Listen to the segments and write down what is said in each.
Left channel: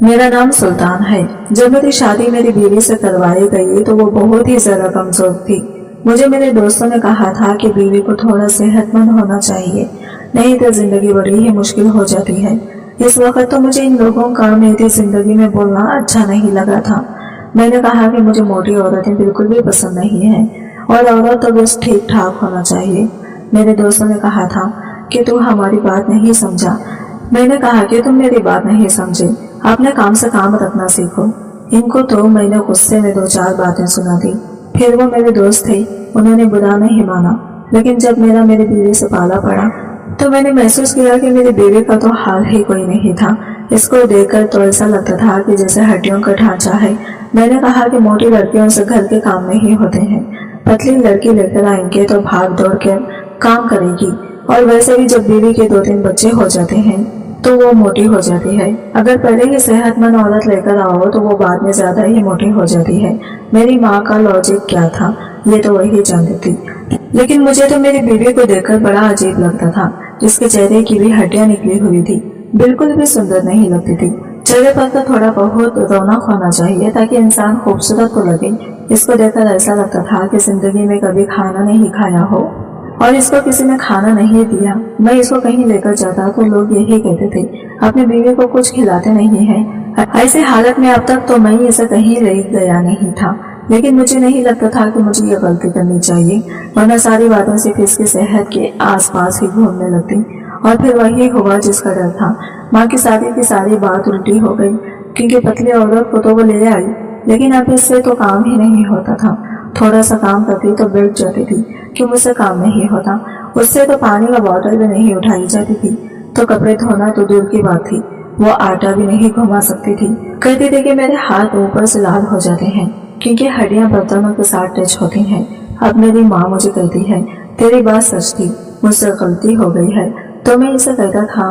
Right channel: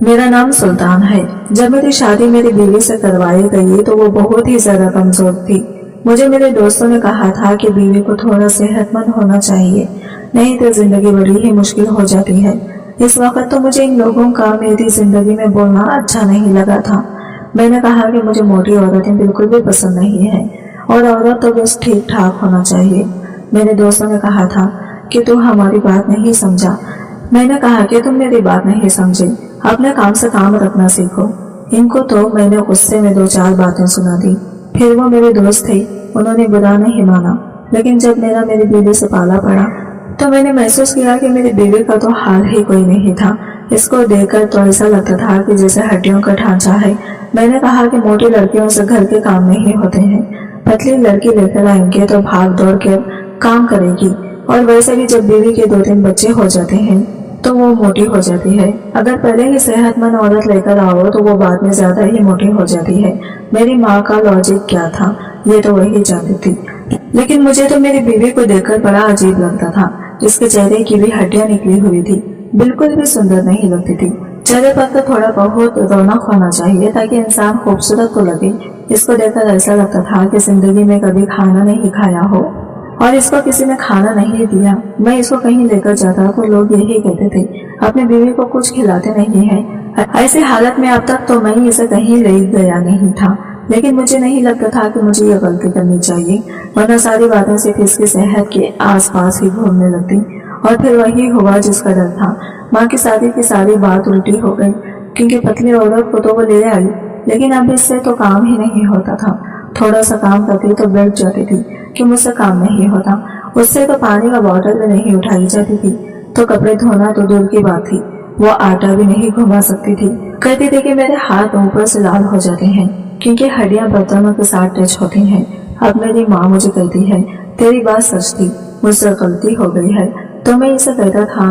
मेरा नाम सुल्तान है। जब मेरी शादी मेरी बीवी से करवाई गई तो वो बहुत ही ज्यादा कमजोर थी। मुझे मेरे दोस्तों ने कहा था कि बीवी को थोड़ा सेहतमंद होना चाहिए, नहीं तो जिंदगी बड़ी ही मुश्किल हो जाती है। इस वक्त तो मुझे इन लोगों का मेरी जिंदगी में बोलना अच्छा नहीं लगा था। मैंने कहा कि मुझे मोटी औरतें बिल्कुल भी पसंद नहीं है और औरत तो बस ठीक ठाक होना चाहिए। मेरे दोस्तों ने कहा था कि तू हमारी बात नहीं समझा। मैंने कहा कि तुम मेरी बात नहीं समझे, अपने काम से काम रखना सीखो। इनको तो मैंने गुस्से में 2-4 बातें सुना दी। फिर वो मेरे दोस्त थे, उन्होंने बुरा नहीं माना, लेकिन जब मेरी बीवी से पाला पड़ा तो मैंने महसूस किया कि मेरी बीवी का तो हाल ही कोई नहीं था। इसको देखकर तो ऐसा लगता था कि जैसे हड्डियों का ढांचा है। मैंने कहा कि मोटी लड़कियों से घर के काम नहीं होते हैं, पतली लड़की लेकर आएंगे तो भाग दौड़ कर काम करेगी, और वैसे भी जब बीवी के 2-3 बच्चे हो जाते हैं तो वो मोटी हो जाती है। अगर पहले ही सेहतमंद औरत लेकर आओ तो वो बाद में ज्यादा ही मोटी हो जाती है। मेरी माँ का लॉजिक क्या था ये तो वही जानती थी, लेकिन मुझे तो मेरी बीवी को देखकर बड़ा अजीब लगता था। इसके चेहरे की भी हड्डियां निकली हुई थी, बिल्कुल भी सुंदर नहीं लगती थी। चेहरे पर तो थोड़ा बहुत रौनक होना चाहिए ताकि इंसान खूबसूरत तो लगे। इसको देखकर ऐसा लगता था कि जिंदगी में कभी खाना नहीं खाया हो और इसको किसी ने खाना नहीं दिया। मैं इसको कहीं लेकर जाता तो लोग यही कहते थे, अपनी बीवी को कुछ खिलाते नहीं है। ऐसी हालत में अब तक तो मैं इसे कहीं ले गया नहीं था, लेकिन मुझे नहीं लगता था कि मुझे यह गलती करनी चाहिए, वरना सारी बातें सिर्फ इसकी सेहत के आसपास ही घूमने लगती। और फिर वही हुआ जिसका डर था। माँ की शादी की सारी बात उल्टी हो गई, क्योंकि पतली औरत को तो वो ले आई, लेकिन अब इससे तो काम ही नहीं होता था। थोड़ा सा काम करती तो बैठ जाती थी कि मुझसे काम नहीं होता। उससे तो पानी का बोतल भी नहीं उठाई जाती थी, तो कपड़े धोना तो दूर की बात थी, वो आटा भी नहीं घुमा सकती थी। कहती थी कि मेरे हाथ ऊपर से लाल हो जाते हैं क्योंकि हड्डियां बर्तनों के साथ टच होती हैं। अब मेरी माँ मुझे कहती है, तेरी बात सच थी, मुझसे गलती हो गई है। तो मैं इसे कहता था,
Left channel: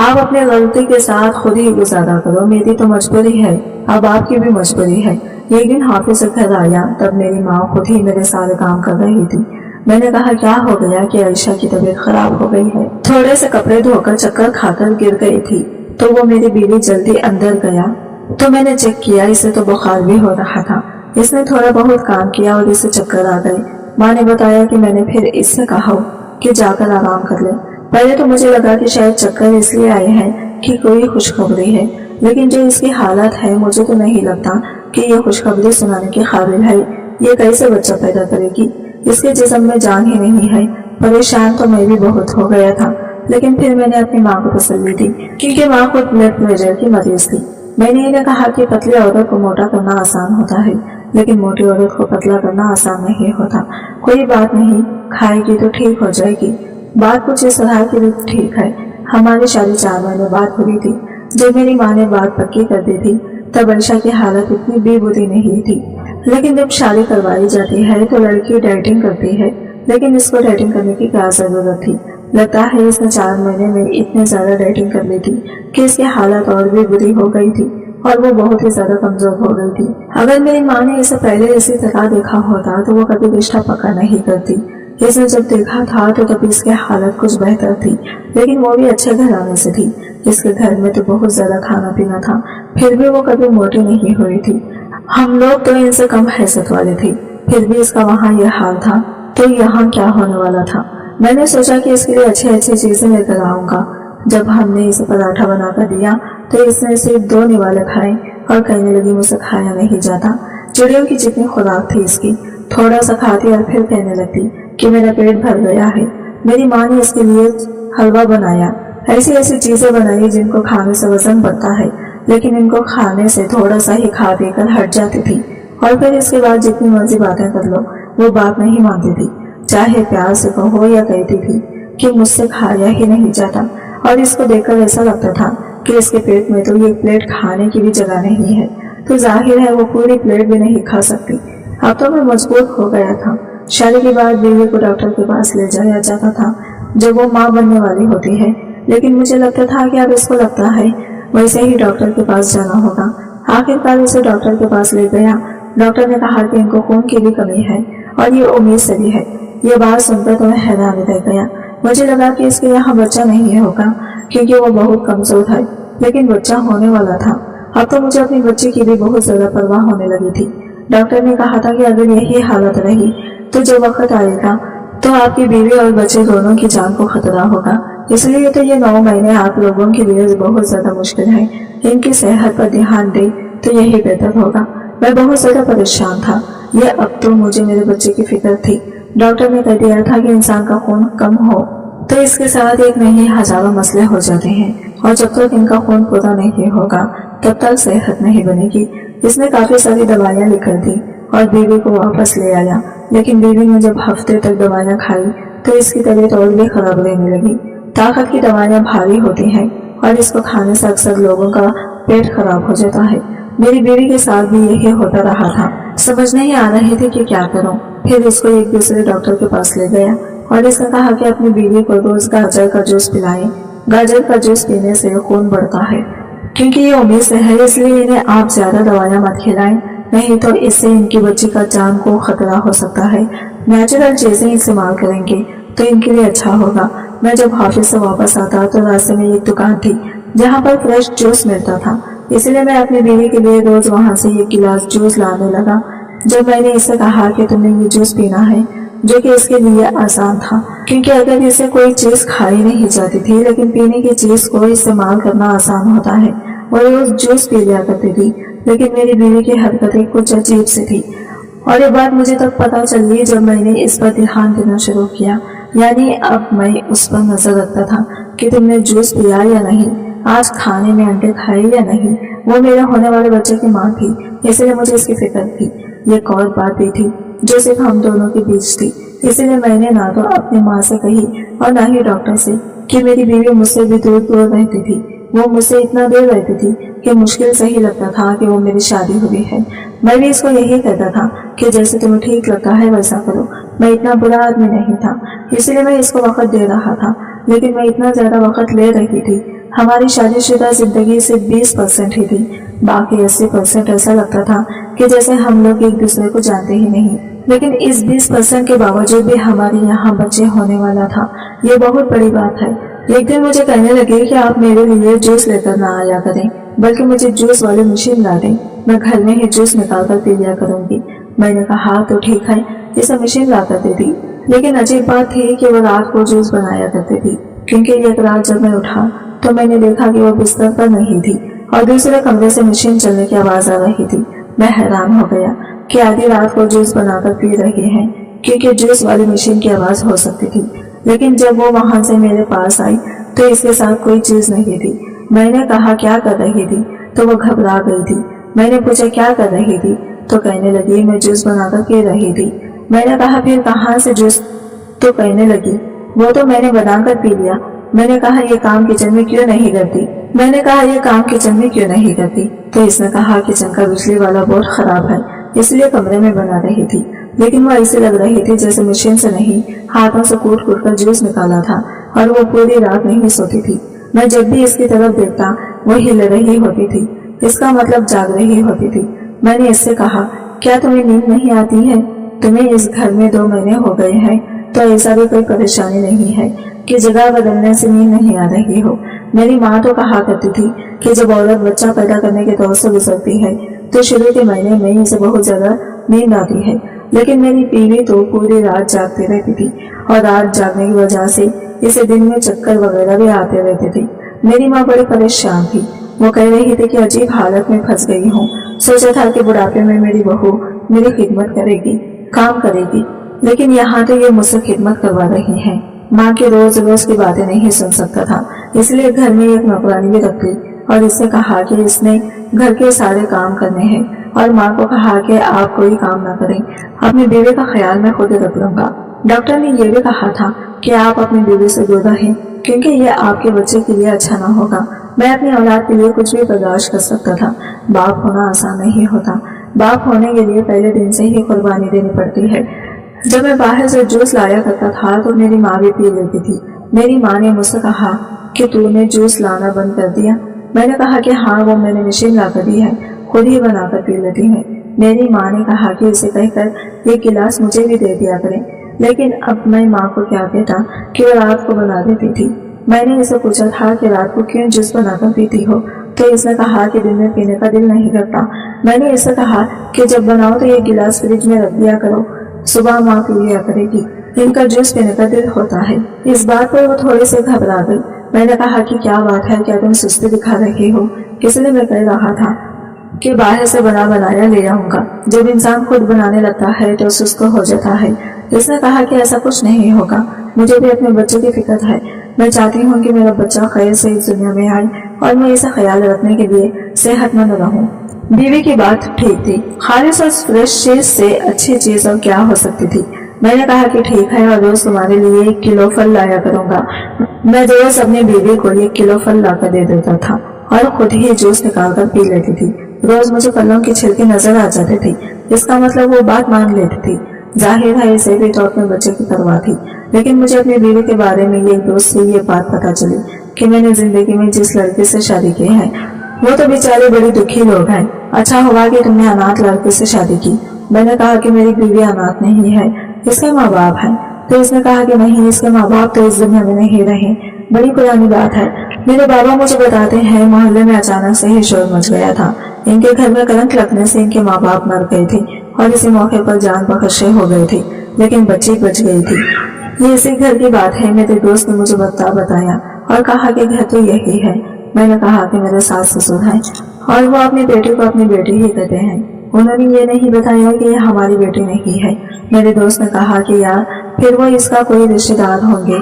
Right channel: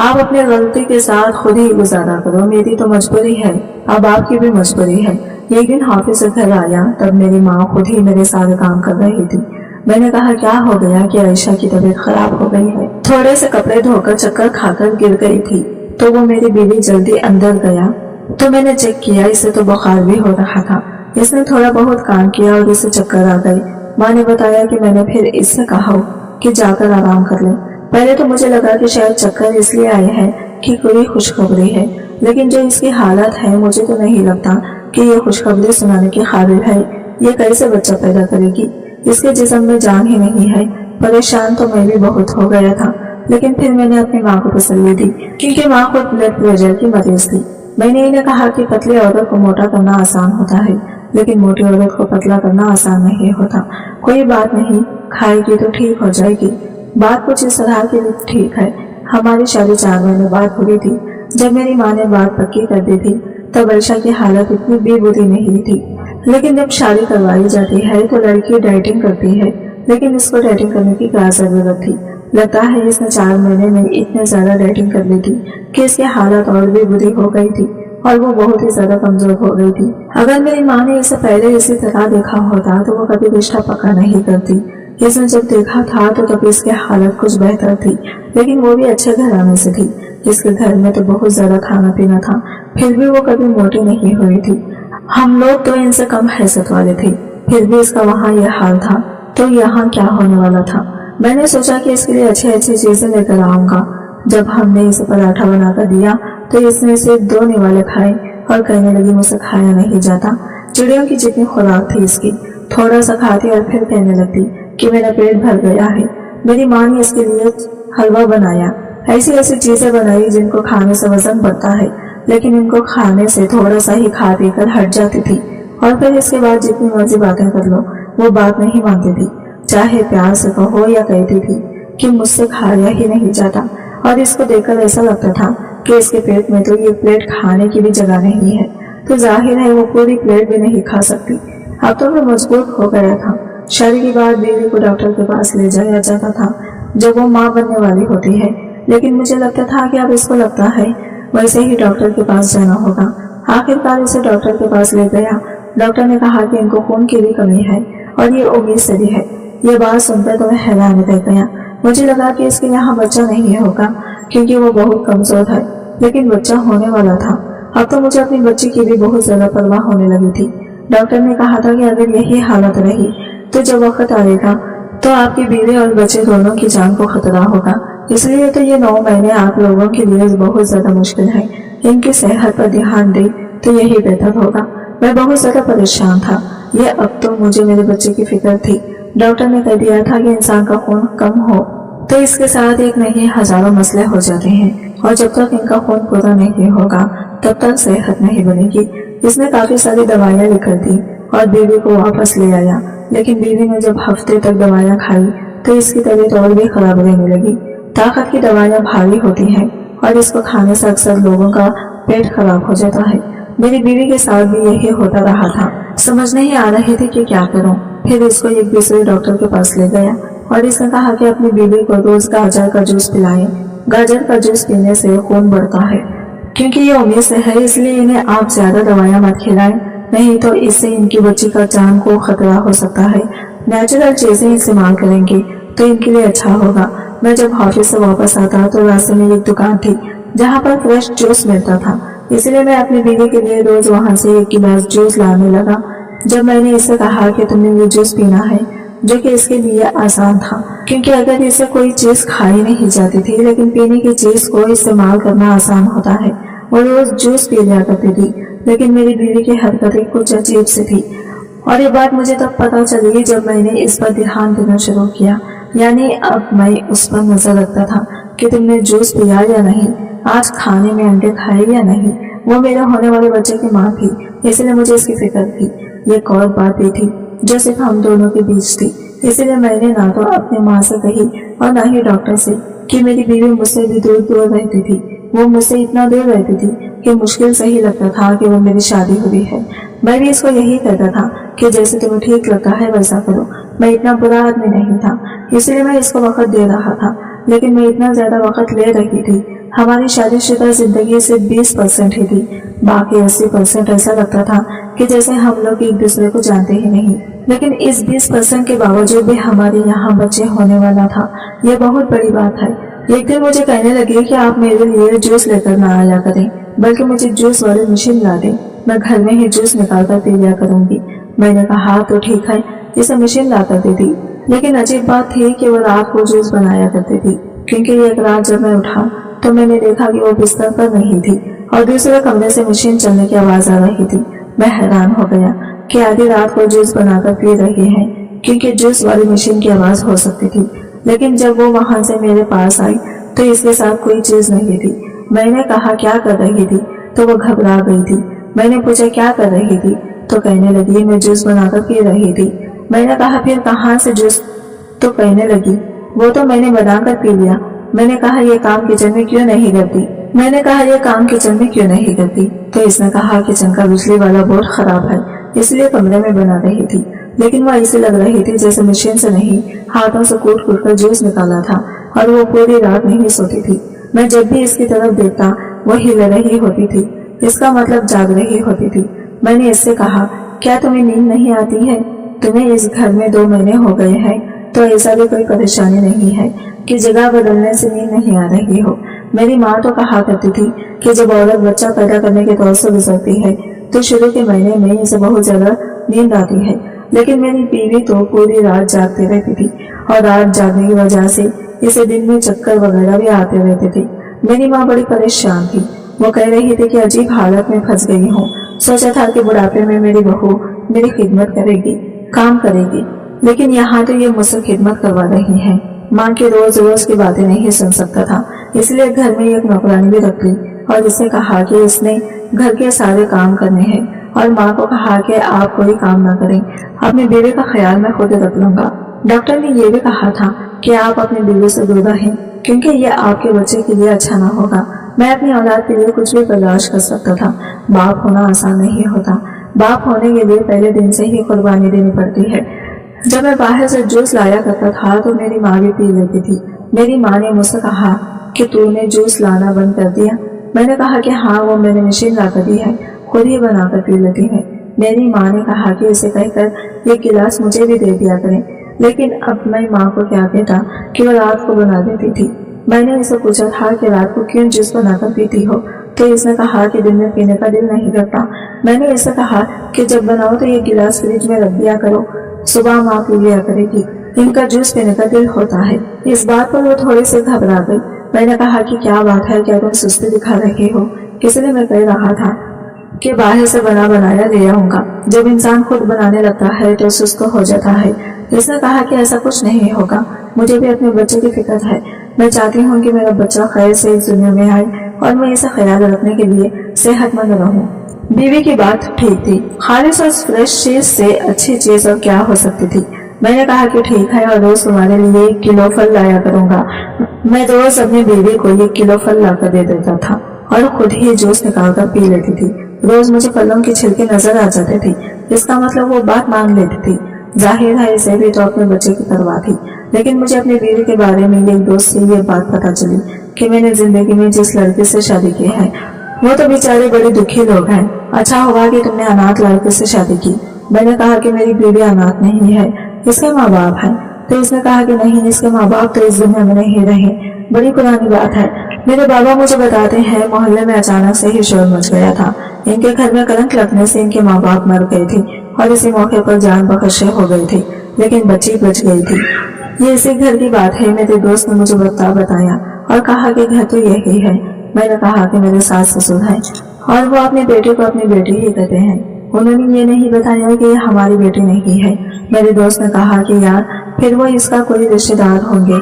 आप अपनी गलती के साथ खुद ही गुजारा करो, मेरी तो मजबूरी है, अब आपकी भी मजबूरी है। एक दिन ऑफिस से घर आया तब मेरी माँ खुद ही मेरे सारे काम कर रही थी। मैंने कहा क्या हो गया कि आयशा की तबीयत खराब हो गई है। थोड़े से कपड़े धोकर चक्कर खाकर गिर गई थी, तो वो मेरी बीवी जल्दी अंदर गया तो मैंने चेक किया, इसे तो बुखार भी हो रहा था। इसने थोड़ा बहुत काम किया और इसे चक्कर आ गए। माँ ने बताया कि मैंने फिर इससे कहा कि जाकर आराम कर ले। पहले तो मुझे लगा कि शायद चक्कर इसलिए आए हैं कि कोई खुशखबरी है, लेकिन जो इसकी हालत है मुझे तो नहीं लगता कि ये खुशखबरी सुनाने के काबिल है। ये कैसे बच्चा पैदा करेगी, इसके जिस्म में जान ही नहीं है। परेशान तो मैं भी बहुत हो गया था, लेकिन फिर मैंने अपनी माँ को तसल्ली दी, क्योंकि माँ खुद ब्लड प्रेशर की मरीज थी। मैंने इन्हें कहा कि पतली औरत को मोटा करना आसान होता है, लेकिन मोटी औरत को पतला करना आसान नहीं होता। कोई बात नहीं, खाएगी तो ठीक हो जाएगी। बात कुछ इस तरह की भी ठीक है। हमारी शादी 4 महीने बाद हुई थी। जब मेरी माँ ने बात पक्की कर दी थी तब आयशा की हालत इतनी भी बुरी नहीं थी, लेकिन जब शादी करवाई जाती है तो लड़की डाइटिंग करती है, लेकिन इसको डाइटिंग करने की क्या जरूरत थी। लगता है इसने 4 महीने में इतने ज्यादा डाइटिंग कर ली थी कि इसकी हालत और भी बुरी हो गई थी और वो बहुत ही ज्यादा कमजोर हो गई थी। अगर मेरी माँ ने इसे पहले इसी तरह देखा होता तो वो कभी रिश्ता पक्का नहीं करती। इसने जब देखा था तो तभी इसकी हालत कुछ बेहतर थी, लेकिन वो भी अच्छे घराने से थी। इसके घर में तो बहुत ज्यादा खाना पीना था, फिर भी वो कभी मोटी नहीं हुई थी। हम लोग तो इनसे कम हैसियत वाले थे, फिर भी इसका वहाँ यह हाल था, तो यहाँ क्या होने वाला था। मैंने सोचा कि इसके लिए अच्छी अच्छी चीजें लेकर आऊंगा। जब हमने इसे पराठा बनाकर दिया तो इसने सिर्फ 2 निवाले खाए और कहने लगी मुझसे खाया नहीं जाता। चिड़ियों की जितनी खुराक थी इसकी, थोड़ा सा खाती और फिर कहने लगती कि मेरा पेट भर गया है। मेरी माँ ने इसके लिए हलवा बनाया, ऐसी ऐसी चीजें बनाई जिनको खाने से वजन बढ़ता है, लेकिन इनको खाने से थोड़ा सा ही खा पी कर हट जाती थी। और फिर इसके बाद जितनी मर्जी बातें कर लो वो बात नहीं मानती थी, चाहे प्यार से कहो या कहती थी कि मुझसे खाया ही नहीं जाता। और इसको देखकर ऐसा लगता था कि इसके पेट में तो ये प्लेट खाने की भी जगह नहीं है, तो जाहिर है वो पूरी प्लेट भी नहीं खा सकती। अब तो मैं मजबूर हो गया था। शादी के बाद बीवी को डॉक्टर के पास ले जाया जाता था जब वो माँ बनने वाली होती है, लेकिन मुझे लगता था कि अब इसको लगता है वैसे ही डॉक्टर के पास जाना होगा। आखिरकार इसे डॉक्टर के पास ले गया। डॉक्टर ने कहा कि इनको खून की भी कमी है और ये उम्मीद से भी है। ये बात सुनकर तो मैं हैरान रह गया। मुझे लगा कि इसके यहाँ बच्चा नहीं होगा क्योंकि वो बहुत कमजोर है, लेकिन बच्चा होने वाला था। अब तो मुझे अपने बच्चे की भी बहुत ज्यादा परवाह होने लगी थी। डॉक्टर ने कहा था कि अगर यही हालत रही तो जब वक्त आएगा तो आपकी बीवी और बच्चे दोनों की जान को खतरा होगा। इसलिए तो ये 9 महीने आप लोगों के लिए बहुत ज्यादा मुश्किल है। इनकी सेहत पर ध्यान दे तो यही बेहतर होगा। मैं बहुत ज्यादा परेशान था। ये अब तो मुझे मेरे बच्चे की फिक्र थी। डॉक्टर ने कह दिया था कि इंसान का खून कम हो तो इसके साथ एक नहीं हजारों मसले हो जाते हैं, और जब तक इनका खून पूरा नहीं होगा तब तक सेहत नहीं बनेगी। इसने काफी सारी दवाइयां लिख कर दी और बीवी को वापस ले आया। लेकिन बीवी ने जब हफ्ते तक दवाइयां खाई तो इसकी तबीयत और भी खराब रहने लगी। ताकत की दवाइयां भारी होती हैं और इसको खाने से अक्सर लोगों का पेट खराब हो जाता है। मेरी बीवी के साथ भी यही होता रहा था। समझ नहीं आ रही थी कि क्या करूं। फिर इसको एक दूसरे डॉक्टर के पास ले गया और इसने कहा कि अपनी बीवी को रोज गाजर का जूस पिलाएं। गाजर का जूस पीने से खून बढ़ता है। क्योंकि ये उम्मीद से है इसलिए इन्हें आप ज्यादा दवाइयां मत खिलाएं, नहीं तो इससे इनकी बच्ची का जान को खतरा हो सकता है। नेचुरल चीजें इस्तेमाल करेंगे तो इनके लिए अच्छा होगा। मैं जब ऑफिस से वापस आता तो रास्ते में एक दुकान थी जहाँ पर फ्रेश जूस मिलता था, इसलिए मैं अपनी बीवी के लिए रोज वहां से 1 गिलास जूस लाने लगा। जब मैंने इससे कहा कि तुमने ये जूस पीना है, जो कि इसके लिए आसान था क्योंकि अगर इसे कोई चीज खाई नहीं जाती थी, लेकिन पीने की चीज को इस्तेमाल करना आसान होता है। वो रोज जूस पी लिया करती थी, लेकिन मेरी बीवी की हरकतें कुछ अजीब सी थी। और ये बात मुझे तब पता चली जब मैंने इस पर ध्यान देना शुरू किया। यानी अब मैं उस पर नजर रखता था कि तुमने जूस पिया या नहीं, आज खाने में अंडे खाए या नहीं। वो मेरे होने वाले बच्चे की माँ थी, इसलिए मुझे इसकी फिक्र थी। ये एक और बात भी थी जो सिर्फ हम दोनों के बीच थी, इसलिए मैंने ना तो अपनी माँ से कही और ना ही डॉक्टर से कि मेरी बीवी मुझसे भी दूर दूर रहती थी। वो मुझसे इतना दूर रहती थी कि मुश्किल से ही लगता था कि वो मेरी शादी हुई है। मैं भी इसको यही कहता था कि जैसे तुम्हें ठीक लगता है वैसा करो। मैं इतना बुरा आदमी नहीं था, इसलिए मैं इसको वक्त दे रहा था, लेकिन मैं इतना ज्यादा वक्त ले रही थी। हमारी शादीशुदा जिंदगी सिर्फ 20% ही थी, बाकी 80% ऐसा लगता था कि जैसे हम लोग एक दूसरे को जानते ही नहीं। लेकिन इस 20% के बावजूद भी हमारे यहाँ बच्चे होने वाला था। ये बहुत बड़ी बात है। एक दिन मुझे कहने लगे कि आप मेरे लिए जूस लेकर ना आया करें, बल्कि मुझे जूस वाली मशीन ला दें, मैं घर में ही जूस निकाल कर पी लिया करूंगी। मैंने कहा तो ठीक है, इसे मशीन ला कर दे दी। लेकिन अजीब बात थी कि वो रात को जूस बनाया करती थी, क्योंकि एक रात जब मैं उठा तो मैंने देखा कि वो बिस्तर पर नहीं थी और दूसरे कमरे से मशीन चलने की आवाज आ रही थी। मैं हैरान हो गया कि आधी रात को जूस बनाकर पी रही है, क्योंकि जूस वाली मशीन की आवाज हो सकती थी। लेकिन जब वो वहां से मेरे पास आई तो इसके साथ कोई चीज नहीं थी। मैंने कहा क्या कर रही थी, तो वो घबरा गई थी। मैंने पूछा क्या कर रही थी, तो कहने लगी मैं जूस बनाकर पी रही थी। मैंने कहा फिर कहाँ से जूस, तो कहने लगी वो तो मैंने बनाकर पी लिया। मैंने कहा ये काम किचन में क्यों नहीं करती। तो इसने कहा किचन का बिजली वाला बोर्ड खराब है, इसलिए कमरे में बना रही थी। लेकिन वो ऐसे लग रही थी जैसे मशीन से नहीं, हाथों से कूट कूट कर जूस निकाला था, और वो पूरी रात नहीं सोती थी। मैं जब भी इसकी तरफ देखता वो हिल रही होती थी, इसका मतलब जाग रही होती थी। मैंने इससे कहा क्या तुम्हें नींद नहीं आती है? तुम्हें इस घर में 2 महीने हो गए हैं, तो ऐसा भी कोई परेशानी नहीं है कि जगह बदलने से नींद नहीं आ रही हो। मेरी माँ तो कहा करती थी कि जब औरत बच्चा पैदा करने के दौर से गुजरती है तो शुरू के महीने में इसे बहुत ज्यादा नींद आती है। लेकिन मेरी बीवी तो पूरी रात जागती रहती थी, और रात जागने की वजह से इसे दिन में चक्कर वगैरह भी आते रहते थे। मेरी माँ बड़ी परेशान थी। वो कह रही थी कि अजीब हालत में फंस गई हूँ। सोचा था कि बुढ़ापे में मेरी बहू मेरी खिदमत करेगी, काम करेगी, लेकिन यहाँ तो ये मुझसे खिदमत करवा रही है। माँ की रोज रोज की बातें नहीं सुन सकता था, इसलिए घर में एक नौकरानी भी रख ली और इससे कहा कि इसने घर के सारे काम करने हैं, और माँ को कहा कि आप कोई काम ना करें, अपनी बीवी का ख्याल मैं खुद रख लूंगा। डॉक्टर ने यह भी कहा था कि आप अपनी बीवी से दूर रहें, क्योंकि ये आपके बच्चे के लिए अच्छा ना होगा। मैं अपनी औलाद के लिए कुछ भी बर्दाश्त कर सकता था, बाप होना आसान नहीं होता। बाप होने के लिए पहले दिन से ही कुर्बानी देनी पड़ती है। जब मैं बाहर से जूस लाया करता था तो मेरी माँ भी पी लेती थी। मेरी माँ ने मुझसे कहा कि तूने जूस लाना बंद कर दिया। मैंने कहा कि हाँ, वो मैंने मशीन ला कर दी है, खुद ही बनाकर पी लेती है। मेरी माँ ने कहा कि इसे कहकर 1 गिलास मुझे भी दे दिया करें, लेकिन अब मैं माँ को क्या कहता कि वो रात को बना देती थी। मैंने इसे पूछा था कि रात को क्यों जूस बनाकर पीती हो, تو اس نے کہا کہ دن میں پینے کا دل نہیں کرتا۔ میں نے اسے کہا کہ جب بناؤ تو ایک گلاس فریج میں رکھ دیا کرو، صبح ماں پی لیا کرے گی، ان کا جوس پینے کا دل ہوتا ہے۔ اس بات پر وہ تھوڑی سی گھبرا گئی۔ میں نے کہا کہ کیا بات ہے، کیا تم سستی دکھا رہے ہو؟ اس لیے میں کہہ رہا تھا کہ باہر سے بنا بنایا لے آؤں گا، جب انسان خود بنانے لگتا ہے تو سست ہو جاتا ہے۔ اس نے کہا کہ ایسا کچھ نہیں ہوگا، مجھے بھی اپنے بچے کی فکر ہے، میں چاہتی ہوں کہ میرا بچہ خیر سے اس دنیا میں آئے اور میں اسے خیال رکھنے کے لیے صحت مند رہوں۔ بیوی کی بات ٹھیک تھی، خالص اور فریش چیز سے اچھی چیز اور کیا ہو سکتی تھی۔ میں نے کہا کہ ٹھیک ہے، اور روز تمہارے لیے 1 کلو پھل لایا کروں گا۔ میں روز اپنی بیوی کو 1 کلو پھل لا کر دے دیتا تھا اور خود ہی جوس نکال کر پی لیتی تھی۔ روز مجھے پھلوں کی چھلکے نظر آ جاتے تھی، اس کا مطلب وہ بات مان لیتی تھی۔ ظاہر ہے اسے بھی تو اپنے بچے کی پرواہ تھی، لیکن مجھے اپنی بیوی کے بارے میں ایک دوست سے یہ بات پتہ چلی کہ میں نے زندگی میں جس لڑکی سے شادی کی ہے وہ تو بیچارے بڑے دکھی لوگ ہیں۔ اچھا ہوا کہ تم نے اناتھ لڑکے سے شادی کی۔ میں نے کہا کہ میری بیوی اناتھ نہیں ہے، اس کے ماں باپ ہیں۔ تو اس نے کہا کہ نہیں، اس کے ماں باپ تو اس دنیا میں نہیں رہے، بڑی پرانی بات ہے۔ میرے بابا مجھے بتاتے ہیں محلے میں اچانک سے ہی شور مچ گیا تھا، ان کے گھر میں کرنٹ لگنے سے ان کے ماں باپ مر گئے تھے اور اسی موقع پر جان بخشے ہو گئے تھے، لیکن بچی بچ گئی تھی۔ یہ اسی گھر کی بات ہے، میرے دوست نے مجھے بتایا اور کہا کہ گھر تو یہی ہے۔ میں نے کہا کہ میرے ساس سسر ہیں اور وہ اپنی بیٹی کو اپنی بیٹی ہی کہتے ہیں، انہوں نے یہ نہیں بتایا کہ یہ ہماری بیٹی نہیں ہے۔ میرے دوست نے کہا کہ یار پھر وہ اس کا کوئی رشتہ دار ہوں گے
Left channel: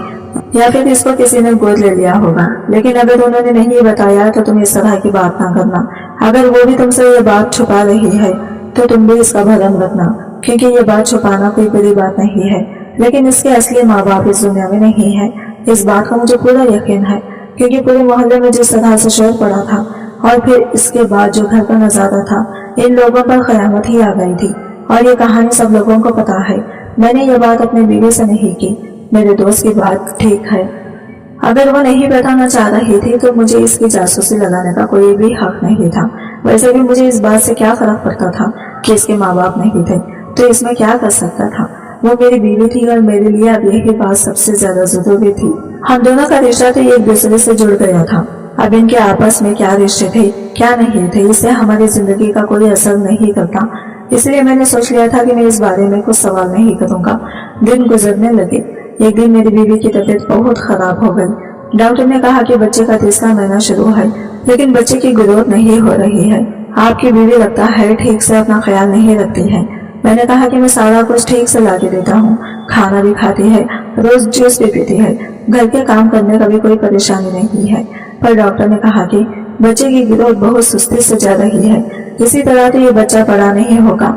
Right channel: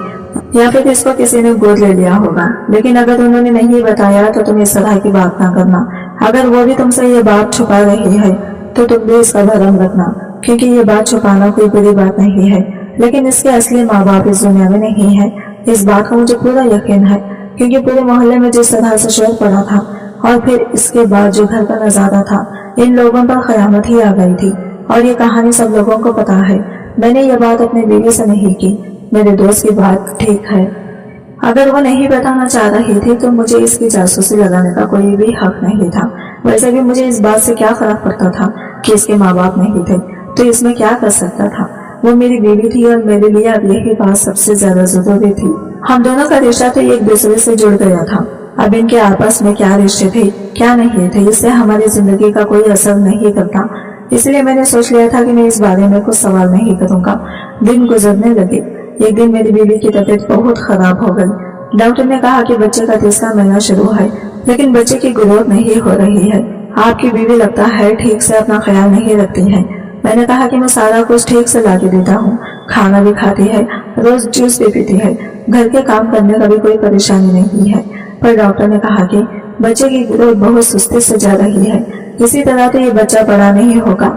یا پھر اس کو کسی نے گود لے لیا ہوگا، لیکن اگر انہوں نے نہیں بتایا تو تم اس طرح کی بات نہ کرنا۔ اگر وہ بھی تم سے یہ بات چھپا رہی ہے تو تم بھی اس کا بھرم رکھنا، کیونکہ یہ بات چھپانا کوئی بری بات نہیں ہے، لیکن اس کے اصلی ماں باپ اس دنیا میں نہیں ہے۔ اس بات کا مجھے پورا یقین ہے، کیونکہ پورے محلے میں جس طرح سے شور پڑا تھا اور پھر اس کے بعد جو گھر کا نظارہ تھا، ان لوگوں پر قیامت ہی آ گئی تھی، اور یہ کہانی سب لوگوں کو پتا ہے۔ میں نے یہ بات اپنی بیوی سے نہیں کی۔ میرے دوست کی بات ٹھیک ہے، اگر وہ نہیں بتانا چاہ رہی تھی تو مجھے اس کی جاسوسی لگانے کا کوئی بھی حق نہیں تھا۔ ویسے بھی مجھے اس بات سے کیا فرق پڑتا تھا کہ اس کے ماں باپ نہیں تھے، تو اس میں کیا کر سکتا تھا؟ وہ میری بیوی تھی اور میرے لیے اب یہی بات سب سے زیادہ ضروری تھی۔ ہم دونوں کا رشتہ تو ایک دوسرے سے جڑ گیا تھا، اب ان کے آپس میں کیا رشتے تھے کیا نہیں تھے اس سے ہماری زندگی کا کوئی اثر نہیں کرتا۔ اس لیے میں نے سوچ لیا تھا کہ میں اس بارے میں کچھ سوال نہیں کروں گا۔ دن گزرنے لگے۔ ایک دن میری بیوی کی طبیعت بہت خراب ہو گئی۔ ڈاکٹر نے کہا کہ بچے کا 3را مہینہ شروع ہے، لیکن بچے کی گروتھ نہیں ہو رہی ہے۔ آپ کی بیوی لگتا ہے ٹھیک سے اپنا خیال نہیں رکھتی ہے۔ میں نے کہا کہ میں سارا کچھ ٹھیک سے لا کے دیتا ہوں، کھانا بھی کھاتی ہے، روز جوس بھی پیتی ہے، گھر کے کام کرنے کا بھی کوئی پریشانی نہیں ہے، پر ڈاکٹر نے کہا کہ بچے کی گروتھ بہت سستی سے جا رہی ہے، اسی طرح تو یہ بچہ بڑا نہیں ہوگا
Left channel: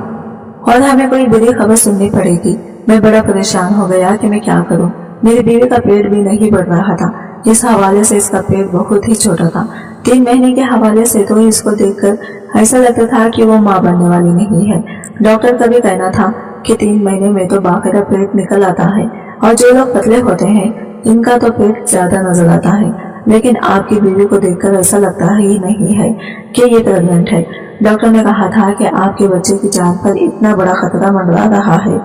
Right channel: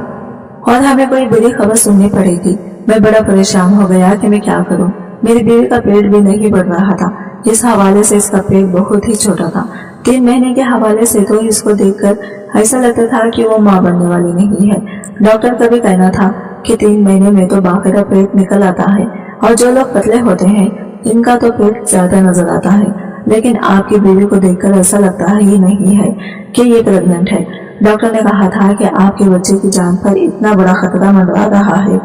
اور ہمیں کوئی بری خبر سننی پڑے گی۔ میں بڑا پریشان ہو گیا کہ میں کیا کروں۔ میری بیوی کا پیٹ بھی نہیں بڑھ رہا تھا، اس حوالے سے اس کا پیٹ بہت ہی چھوٹا تھا۔ 3 مہینے کے حوالے سے تو اس کو دیکھ کر ایسا لگتا تھا کہ وہ ماں بننے والی نہیں ہے۔ ڈاکٹر کا بھی کہنا تھا کہ 3 مہینے میں تو باقاعدہ پیٹ نکل آتا ہے، اور جو لوگ پتلے ہوتے ہیں ان کا تو پیٹ زیادہ نظر آتا ہے، لیکن آپ کی بیوی کو دیکھ کر ایسا لگتا ہی نہیں ہے کہ یہ پریگننٹ ہے۔ ڈاکٹر نے کہا تھا کہ آپ کے بچے کی جان پر اتنا بڑا خطرہ منڈرا رہا ہے،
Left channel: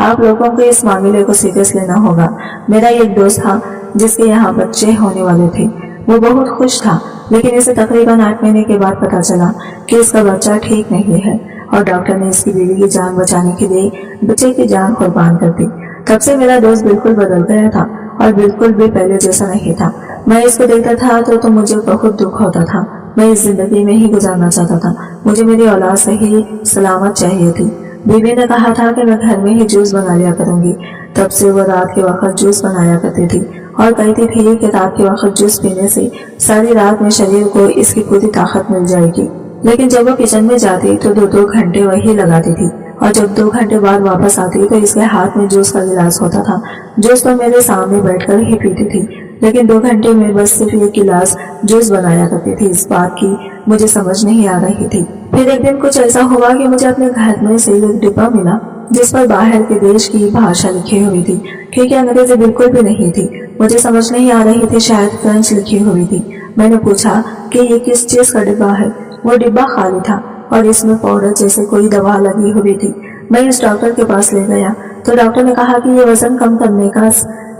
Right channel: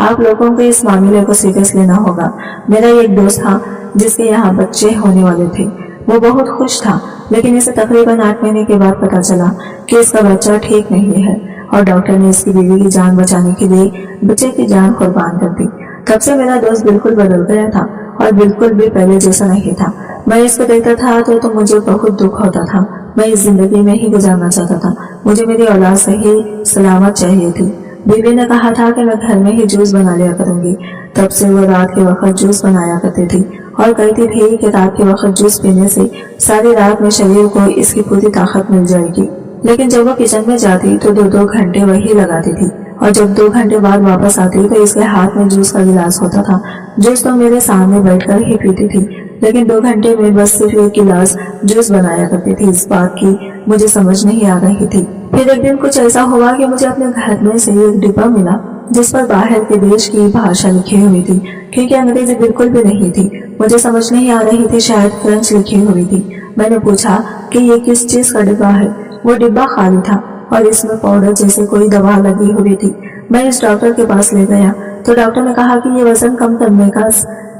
آپ لوگوں کو اس معاملے کو سیریس لینا ہوگا۔ میرا ایک دوست تھا جس کے یہاں بچے ہونے والے تھے، وہ بہت خوش تھا، لیکن اسے تقریباً 8 مہینے کے بعد پتا چلا کہ اس کا بچہ ٹھیک نہیں ہے، اور ڈاکٹر نے اس کی بیوی کی جان بچانے کے لیے بچے کی جان قربان کر دی۔ تب سے میرا دوست بالکل بدل گیا تھا اور بالکل بھی پہلے جیسا نہیں تھا۔ میں اس کو دیکھتا تھا تو مجھے بہت دکھ ہوتا تھا۔ میں اس زندگی میں ہی گزارنا چاہتا تھا، مجھے میری اولاد صحیح سلامت چاہیے تھی۔ بیوی نے کہا تھا کہ میں گھر میں ہی جوس بنا لیا کروں گی، تب سے وہ رات کے وقت جوس بنایا کرتی تھی اور کہتی تھی کہ رات کے وقت جوس پینے سے ساری رات میں شریر کو اس کی پوری طاقت مل جائے گی۔ لیکن جب وہ کچن میں جاتی تو 2 گھنٹے وہی لگاتی تھی، اور جب 2 گھنٹے بعد واپس آتی تو اس کے ہاتھ میں جوس کا گلاس ہوتا تھا۔ جوس تو میرے سامنے بیٹھ کر ہی پیتی تھی، لیکن 2 گھنٹے میں بس صرف 1 گلاس جوس بنایا کرتی تھی۔ اس بات کی مجھے سمجھ نہیں آ رہی تھی۔ پھر ایک دن کچھ ایسا ہوا کہ مجھے اپنے گھر میں سے ایک ڈبہ ملا جس پر باہر کے دیش کی بھاشا لکھی ہوئی تھی، کیونکہ انگریزی بالکل بھی نہیں تھی۔ مجھے سمجھ نہیں آ رہی تھی، شاید فرینچ لکھی ہوئی تھی۔ میں نے پوچھا کہ یہ کس چیز کا ڈبہ ہے؟ وہ ڈبہ خالی تھا اور اس میں پاؤڈر جیسے کوئی دوا لگی ہوئی تھی۔ میں اس ڈاکٹر کے پاس لے گیا تو ڈاکٹر نے کہا کہ یہ وزن کم کرنے کا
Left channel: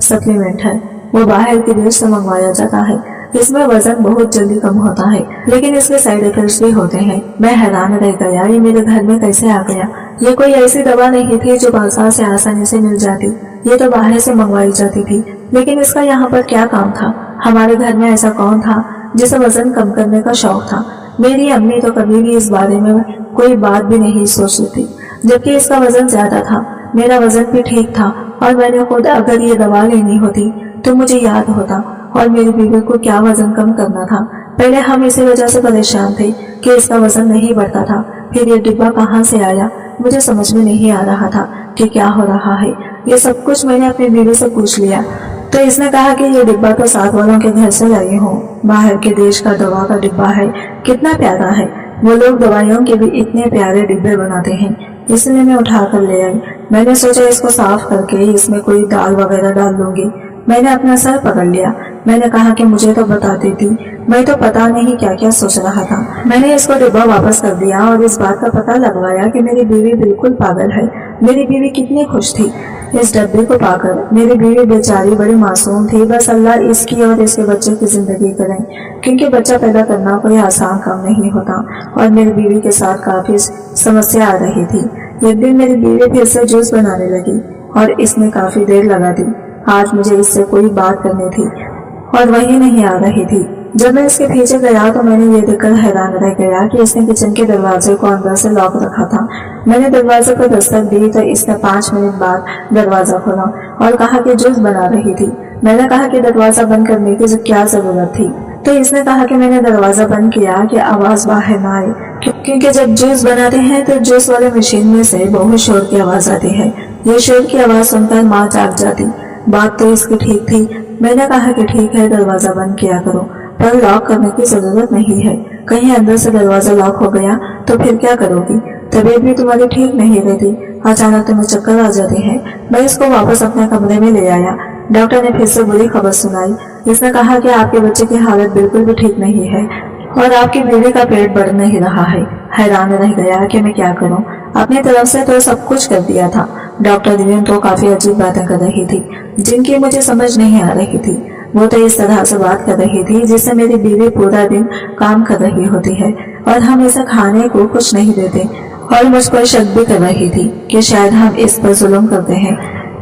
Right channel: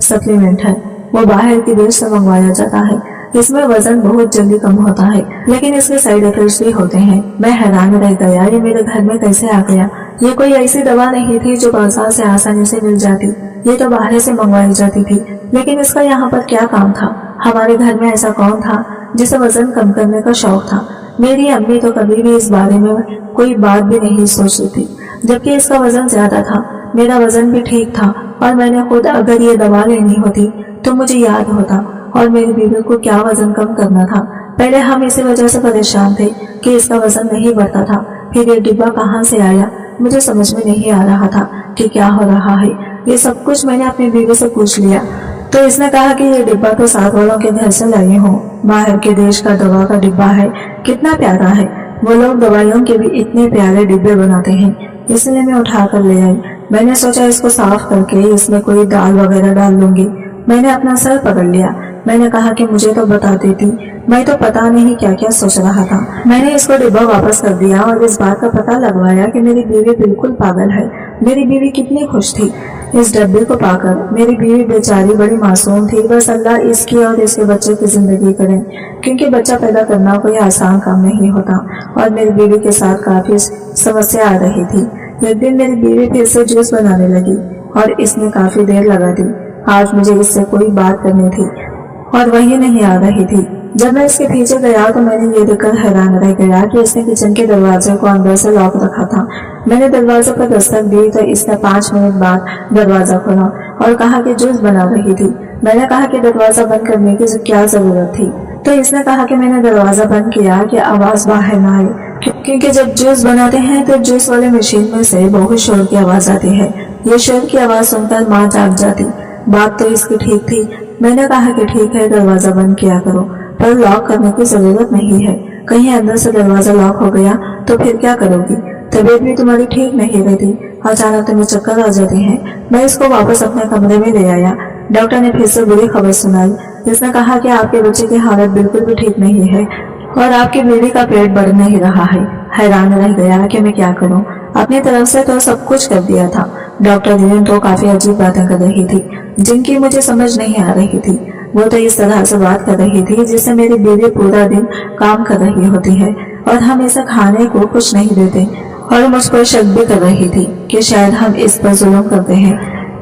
سپلیمنٹ ہے، وہ باہر کے دیش سے منگوایا جاتا ہے۔ इसमें वजन बहुत जल्दी कम होता है, लेकिन इसके साइड इफेक्ट्स भी होते हैं। मैं हैरान रह गया, ये मेरे घर में कैसे आ गया। ये कोई ऐसी दवा नहीं थी जो बाजार से आसानी से मिल जाती, ये तो बाहर से मंगवाई जाती थी। लेकिन इसका यहाँ पर क्या काम था? हमारे घर में ऐसा कौन था जिसे वजन कम करने का शौक था? मेरी अम्मी तो कभी भी इस बारे में कोई बात भी नहीं सोचती थी, जबकि इसका वजन ज्यादा था। मेरा वजन भी ठीक था और मैंने खुद अगर ये दवा लेनी होती तो मुझे याद होता और मेरी बीवी को क्या वजन कम करना था। पहले हम इसी वजह से परेशान थे कि इसका वजन नहीं बढ़ता था। फिर ये डिब्बा कहाँ से आया, मुझे समझ में नहीं आ रहा था कि क्या हो रहा है। ये सब कुछ मैंने अपनी बीवी से पूछ लिया तो इसने कहा कि ये डिब्बा तो साथ वालों के घर से लाई हूँ, बाहर के देश का दवा का डिब्बा है, कितना प्यारा है। वो लोग दवाइयों के भी इतने प्यारे डिब्बे बनाते हैं, इसलिए मैं उठा कर ले आई। मैंने सोचा इसको साफ करके इसमें कोई दाल वगैरह डाल लूंगी। मैंने अपना सर पकड़ लिया। मैंने कहा कि मुझे तो बता देती, मैं तो पता नहीं क्या क्या सोच रहा था। मैंने इसको डिब्बा वापस कर दिया और इस बात का पता लगवाया कि मेरी बीवी बिल्कुल पागल है। मेरी बीवी कितनी खुश थी इस डब्बे को पाकर। मेरी बीवी बेचारी बड़ी मासूम थी, बस अल्लाह इसकी और इसके बच्चे की जिंदगी करे, क्योंकि बच्चा पैदा करना कोई आसान काम नहीं होता और मेरी बीवी के साथ काफी समस्या आ रही थी। एक दिन मेरी बीवी फिर से जूस बनाने लगी और इसमें काफी देर लगा दी। आज मुझे इससे कोई बात करनी थी और वही नहीं आ रही थी। जब मैं इसके पीछे गया तो मैंने ये देखकर हैरान रह गया कि इसने किचन के दरवाजे को अंदर से लॉक रखा था। मैंने दरवाजे पर दस्तक दी तो इसने 5 मिनट बाद दरवाजा खोला और कहा कि जूस बना रही थी। मैंने कहा कि दरवाजा बंद करने की क्या जरूरत थी, तो इसने कहा कि मैंने दरवाजा बंद किया कि आवाज बाहर ना आए, क्योंकि जब जूस बनाते हैं तो जूस वाले मशीन में से बहुत शोर की आवाज आती है। ये शोर की आवाज सुनकर माँ जाग जाती। बात तो इसकी ठीक थी। मैंने कहा कि ठीक है, दरवाजा बंद किया करो, पर लॉक करने की जरूरत नहीं है। कहीं अंदर से दरवाजा लॉक हो गया तो फिर क्या करोगी? तबीयत भी तुम्हारी ठीक नहीं रहती, अचानक तुम्हें चक्कर आ जाते हैं। मैं इसको वापस अपने कमरे में ले आया। डॉक्टर ने फिर से बुरी खबर सुनाई। इसने कहा कि आपके बच्चे की हालत बिल्कुल भी ठीक नहीं है और आपकी बीवी का पेट बढ़ नहीं रहा है। हैरान रह गया कि मैं क्या करूं। अपनी तरफ से तो सब कुछ कर दिया था। डॉक्टर दीन तो काफी अजीब बातें कर रही थी जिनकी मुझे समझ नहीं आ रही थी। वो तो इस तरह से बात कर रही थी जिससे मेरी बीवी पूरा दिन काम कर रही होती है और हम इसे खाने को कुछ नहीं देते, और मुझ पर शक भी कर रही थी कि शायद हम इस पर जुल्म करते हैं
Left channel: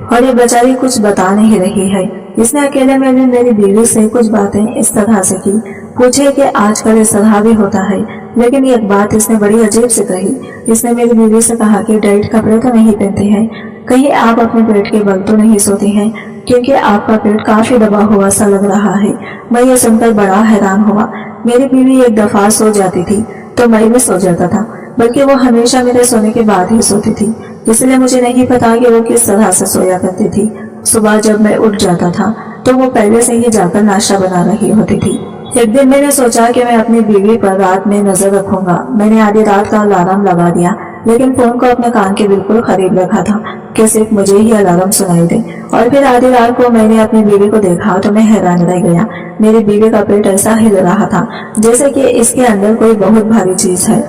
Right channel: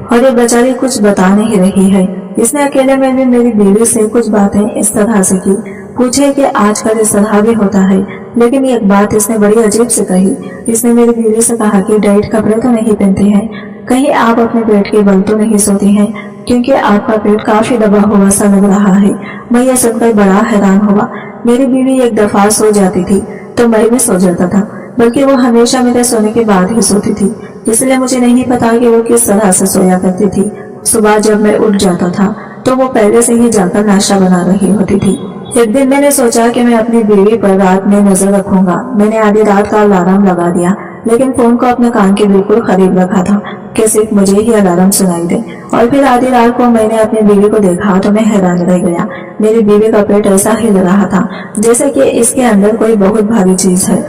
और ये बेचारी कुछ बता नहीं रही है। इसने अकेले में भी मेरी बीवी से कुछ बातें इस तरह से की, पूछे कि आजकल इस तरह भी होता है। लेकिन एक बात इसने बड़ी अजीब से कही। इसने मेरी बीवी से कहा कि डाइट कपड़े तो नहीं पहनती हैं, कहीं आप अपने पेट के बल तो नहीं सोती हैं, क्योंकि आपका पेट काफी दबा हुआ सा लग रहा है। मैं ये सुनकर बड़ा हैरान हुआ। मेरी बीवी एक दफा सो जाती थी तो मैं भी सो जाता था, बल्कि वो हमेशा मेरे सोने के बाद ही सोती थी, इसलिए मुझे नहीं पता कि वो किस तरह से सोया करती थी। सुबह जब मैं उठ जाता था तो वो पहले से ही जाकर नाश्ता बना रही होती थी। एक दिन मैंने सोचा कि मैं अपनी बीवी पर रात में नजर रखूंगा। मैंने आधी रात का अलार्म लगा दिया, लेकिन फोन को अपने कान के बिल्कुल करीब रखा था कि सिर्फ मुझे ही अलार्म सुनाई दे। और फिर आधी रात को मैंने अपनी बीवी को देखा तो मैं हैरान रह गया। मेरी बीवी का पेट ऐसा हिल रहा था जैसे कि इसके अंदर कोई बहुत भारी चीज है।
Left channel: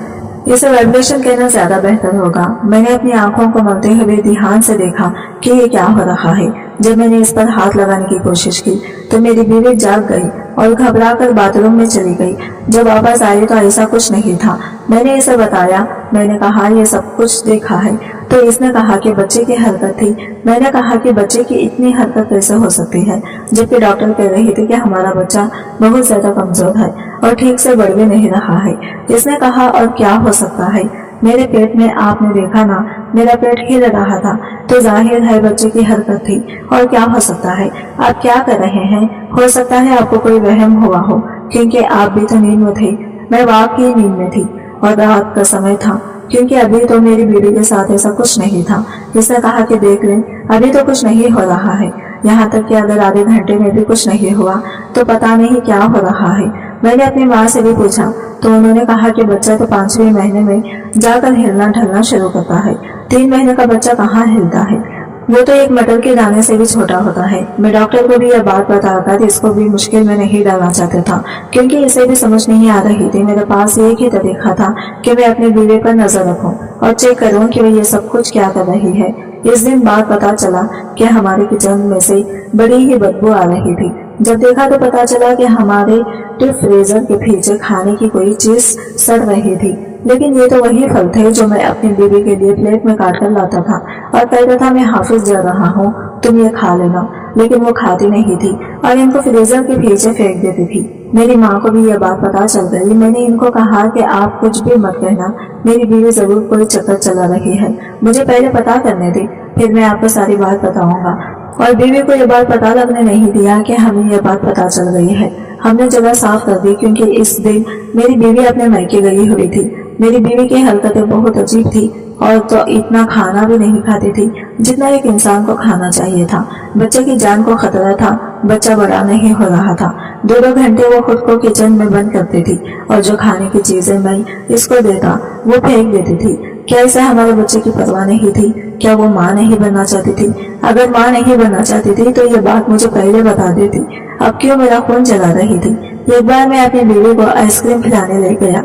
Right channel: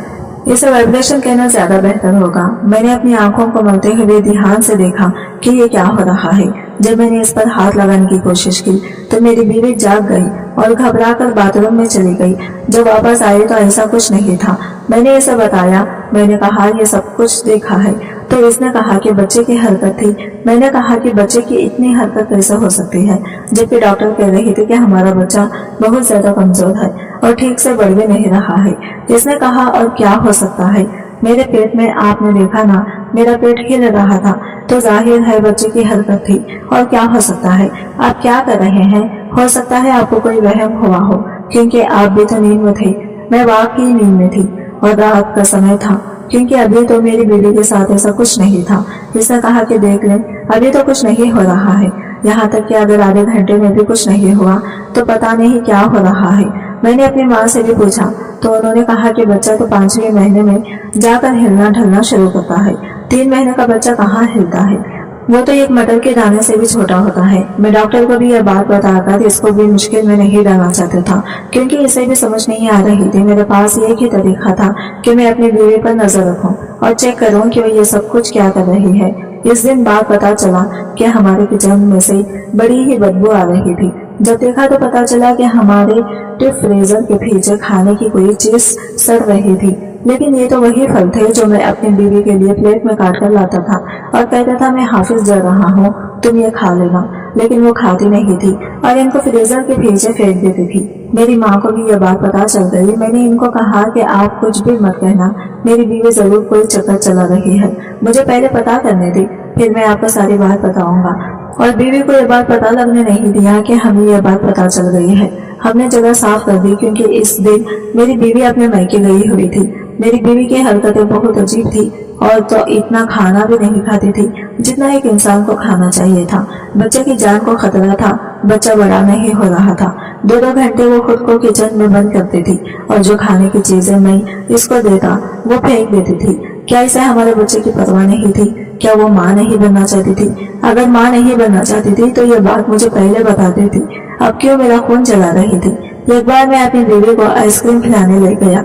इसे वाइब्रेशन कहना ज्यादा बेहतर होगा। मैंने अपनी आंखों को मलते हुए ध्यान से देखा कि ये क्या हो रहा है। जब मैंने इस पर हाथ लगाने की कोशिश की तो मेरी बीवी जाग गई और घबराकर बाथरूम में चली गई। जब वापस आई तो ऐसा कुछ नहीं था। मैंने इसे बताया। मैंने कहा ये सब कुछ देखा है, तो इसने कहा कि बच्चे की हरकत थी। मैंने कहा कि बच्चे की इतनी हरकत कैसे हो सकती है, जबकि डॉक्टर कह रही थी कि हमारा बच्चा बहुत ज्यादा कमजोर है और ठीक से बढ़ भी नहीं रहा है। इसने कहा और क्या हो सकता है, मेरे पेट में आपने देखा ना, मेरा पेट हिल रहा था, तो जाहिर है बच्चे की हरकत थी। और क्या हो सकता है, आप क्या कर रहे हैं? हो सकता है आपको कोई वहम हुआ हो, क्योंकि आप भी तो नींद में थे। मैं वाकई नींद में थी और रात का समय था, क्योंकि अभी तो मेरी बीवी के साथ ऐसा कुछ नहीं था। इसने कहा कि देख लें, अभी तो कुछ नहीं हो रहा है, यहाँ तक कि अगर आधे घंटे में भी कुछ नहीं हुआ तो पता नहीं क्या हो रहा है। मैंने अपनी माँ से भी पूछा तो उन्होंने कहा कि बच्चा तो 5वें महीने में जाकर हिलना ढलना शुरू करता है। 3 महीने का बच्चा कहाँ हिलता है, वो तो एक मटर के दाने से भी छोटा होता है। मैं डॉक्टर को भी यह बात बताकर इसको भी मुश्किल में नहीं डालना चाहता था, क्योंकि इसे भी समझ नहीं आ रही थी। मेरे पास एक ही तरीका था कि मैं अपनी बीवी पर नजर रखूं और चेक करूं कि वह ये सब कुछ क्या कर रही है। इस दिन बाद पता चला कि हमारे किचन में से बड़ी ही बदबू आ रही थी। جب دیکھا تو پتا چلا کہ ہمارے ڈیپ فریزر کے پیچھے کھانے کی کوئی چیز سڑ رہی تھی، لیکن یہ تو وہی پھل تھے جو میں اپنی بیوی کے لیے پلیٹ میں کاٹ کر لاتا تھا اور کہتا تھا میں حافظ جا رہا ہوں، تم یہ کھا لینا، لیکن وہ کھاتی نہیں تھی اور ان کو فریزر کے پیچھے پھینک دیتی تھی۔ میری ماں کو بھی یہ بات پتا چل گئی۔ میں نے ان کو کہا کہ آپ کچھ بھی مت کہنا، میری بیوی ضرور کوئی چکر چلا رہی ہے، مجھے پہلے پتا کرنے دی، پھر میں آپ کو ساری بات بتاؤں گا۔ اور بیوی کو یہ بات پتا لگنے نہیں دیا کہ ہمیں یہ بات پتا چل گئی ہے۔ ہم نے جگہ صاف کر دی کیونکہ اس دن میری بیوی اپنے میکے گئی ہوئی تھی۔ میری بیوی کی حرکتیں بہت عجیب تھی اور تو اتنا کھانا بھی نہیں کھاتی تھی جتنا ایک انسان کو کھانا چاہیے تھا۔ بچے کی جان کو خطرہ تھا، بچہ بڑا نہیں ہو رہا تھا۔ 2 گھنٹے وہ خود کو کچن میں بند کرتی تھی اور جو کھانے کی چیزیں میں اس کو دیتا وہ پھینک دیتی تھی۔ کیا اسے ہمارے بچے کی پرواہ نہیں تھی؟ کیا وہ ماں نہیں بننا چاہتی تھی؟ اگر ماں نہیں بننا چاہتی تھی تو یہ بات مجھے پہلے بتا دیتی، اب کیوں میرا خون جلا رہی تھی؟ ایک بار میں اپنی بیوی کو آئس کریم کھلانے لے گیا۔